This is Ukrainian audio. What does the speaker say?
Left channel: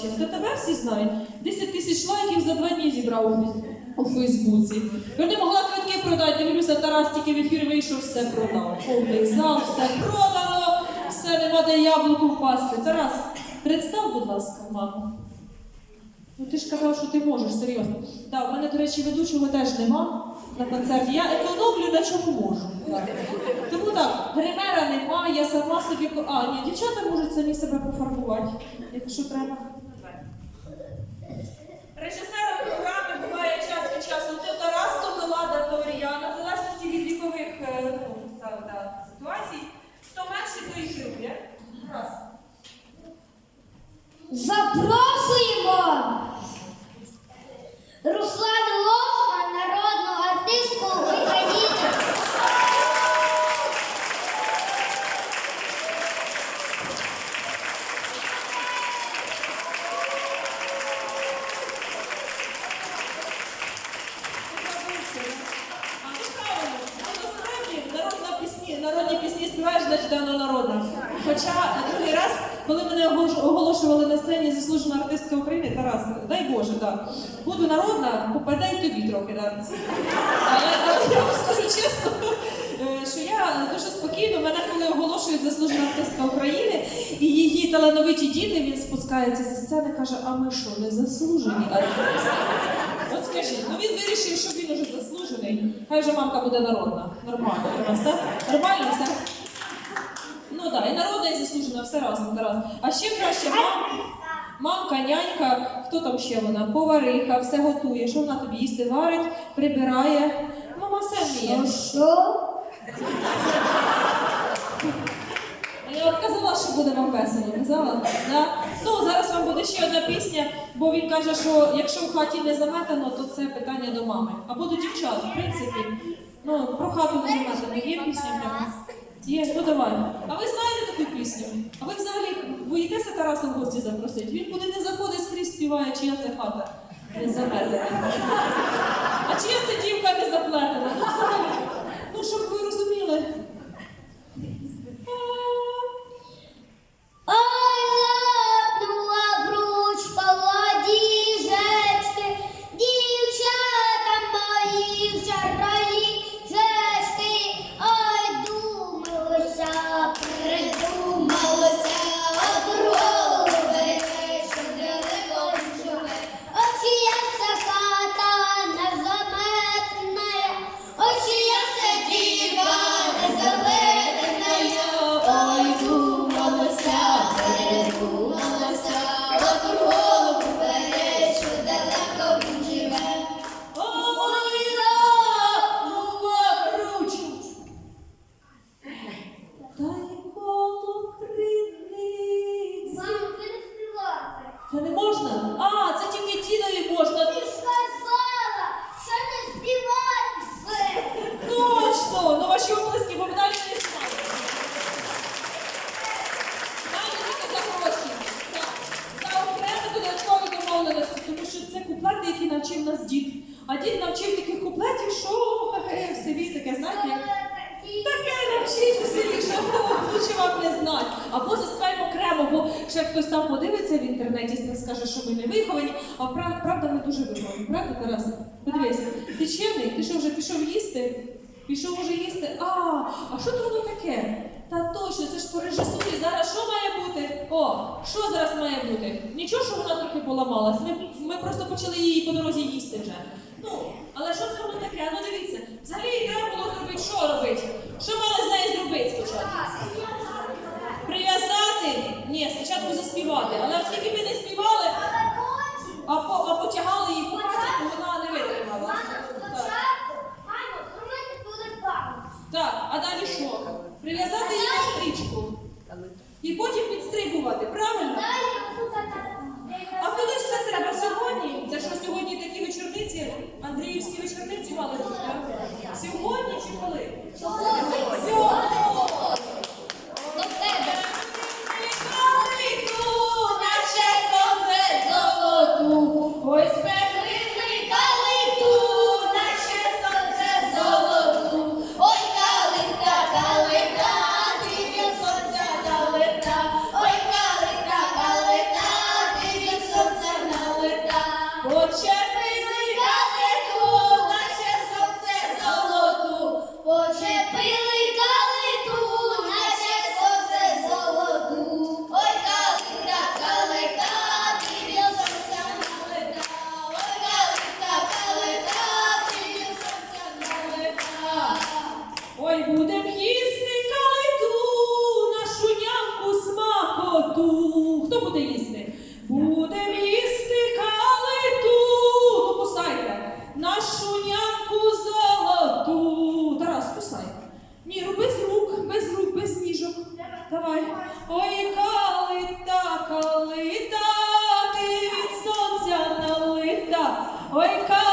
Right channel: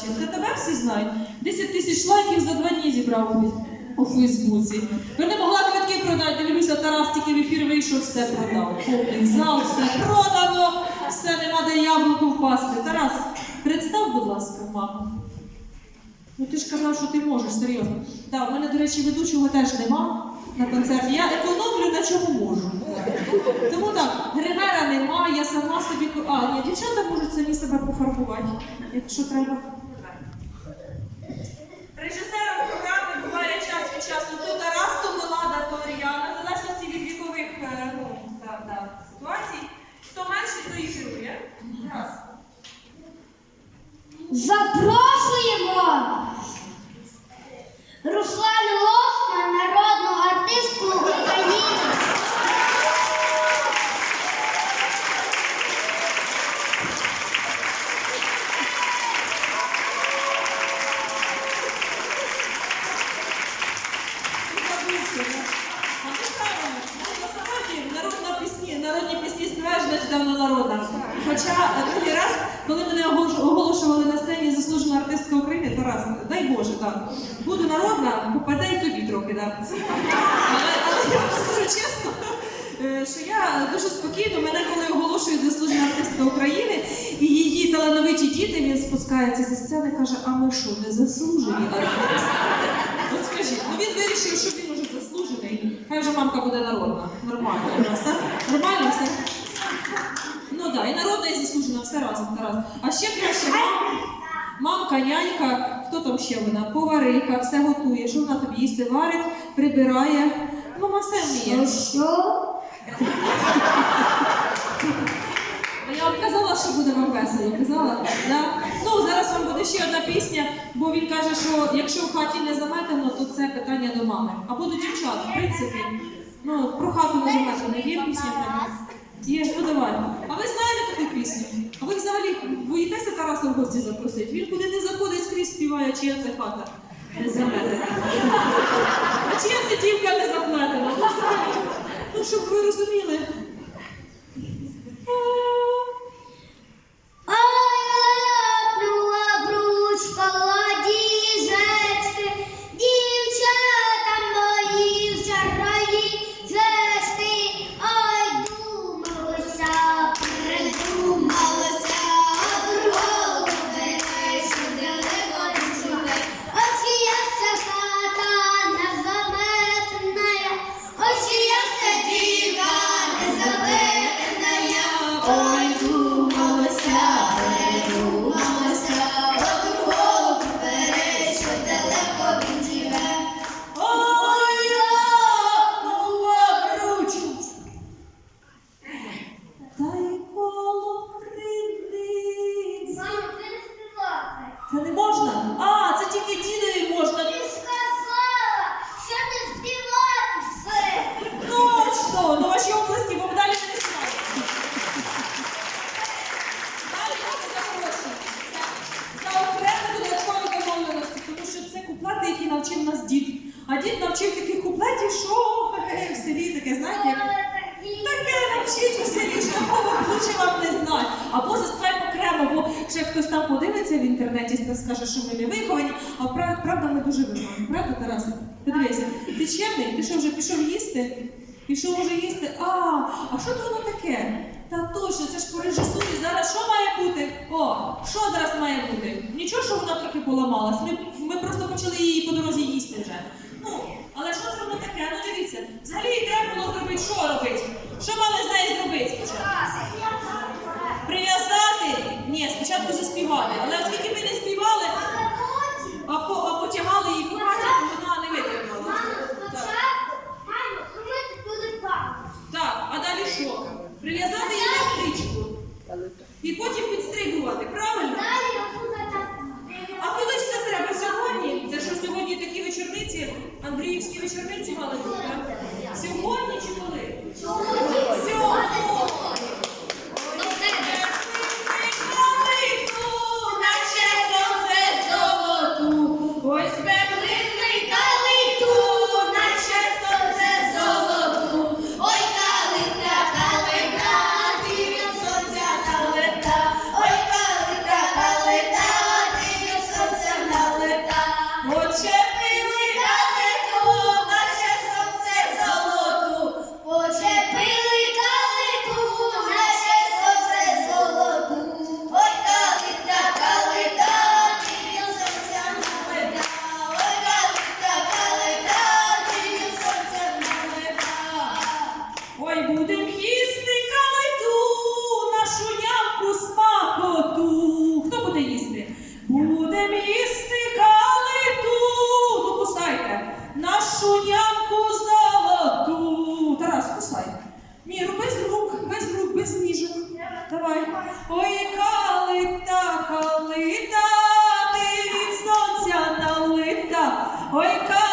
бачив. Та тебе всі знають. 10 тисяч лайків за два дні зібрав у- Фейсбуці. Я не могла квитки продати, дивлюся, Тарас тільки в ефір вийшов, все продав. Повний зал, все продано, все нема де яблуку впасти. Тарас, представ, будь ласка, маму. Ну ти ж казав, що ти можеш, серйозно. Так, у мене, до речі, ведучого теж нема на концерті. Я економлю на чому можу. Тому так, гримера нема, я сама собі. А, ні, дівчата можуть самі себе пофарбувати, якщо треба. Режисером програми буває час від часу то Тарас, то Мелада, то Оріана, в залежності від вікових е, ну, та, та, ситуацій. Хто менший, то і керує. Раз. Запрошуємо Руслану Лохман, народну артистку України. Народні пісні співаєш, значить давно народна. Хоча е, коли мене оголошували на сцені заслужена артистка України, Тарас, дай Боже, так. Буду народна, попадай тобі трохи, так. Але, але я вам скажу чесно, е, що я дуже спокійно, мене коли оголошують заслужена артистка України, і її талановиті діти, він спускається зі сцени, каже, а ми що, не заслужені артисти? От скажіть, ну він вирішив, що він уже заслужений. Хай вже мамка буде народна. Нормально так? Нормально все? Ну так, да, і народна, і заслужена, все разом, Тарас. А ще краще мам, мамка, нянька, хто там ще вона? Повариха, все готує. Що вона тобі їсти варить, прибирає. Мама все вміє. Що? Ну, Я вам казала, що буде вам весело, казала? Да? Ну, зараз вам буде ще одна пісня, бо він каже, що якщо в хаті не заметано, то це питання до мами. Або до дівчат, в принципі. Ну, про хату не заметано. Є пісня в нього? Є, ну давай. А ви знаєте таку пісню? А ви взагалі боїтеся Тараса в гості запросити? Він куди не заходить, скрізь співає, чия це хата не заметена. А чия це дівка не заплетена? Ну. Ну, щоб ви розуміли. Дід. Навчив таких куплетів, що в селі таке, знаєте, Таке навчіть у селі, що лучше вам не знати. Або заспіваємо окремо, бо ще хтось там подивиться в інтернеті та скаже, що ми не виховані, а правда ми дуже виховані. Правда, Тарасе? Подивися, ти чемний, ти що вже пішов їсти? Пішов уже їсти. А, а що то воно таке? Та точно, це ж по режисурі. Зараз що має бути? О, що зараз має бути? Нічого, що вона трохи поламалась. Ми, ми просто почали її по дорозі їсти вже. Ну, але що це воно таке? Ну дивіться, взагалі треба було зробити, що робити? Що мали з нею зробити спочатку? Прив'язати? Ні, спочатку заспівати. Але оскільки ми не співали, а, по, а потягали її по хаті, то вона не витримала. Так, а далі що? Прив'язати її на стрічку. І потім підстригувати, правильно? А коли ж це треба сьогодні? Це що сьогодні такі вечорниці, Андріївські вечорниці танцювали тут, так? Сьогодні чи коли? Сьогодні! будем їсти калиту, нашу нямку смакоту. Хто буде їсти? Будем їсти калиту. Ну кусайте. Нашу нямку золоту. Тарас, кусай. Міру, ну, без рук, без рук, без ніжок. Давай. Ой, калита, калита, ти від сонця налита. Ой, калита.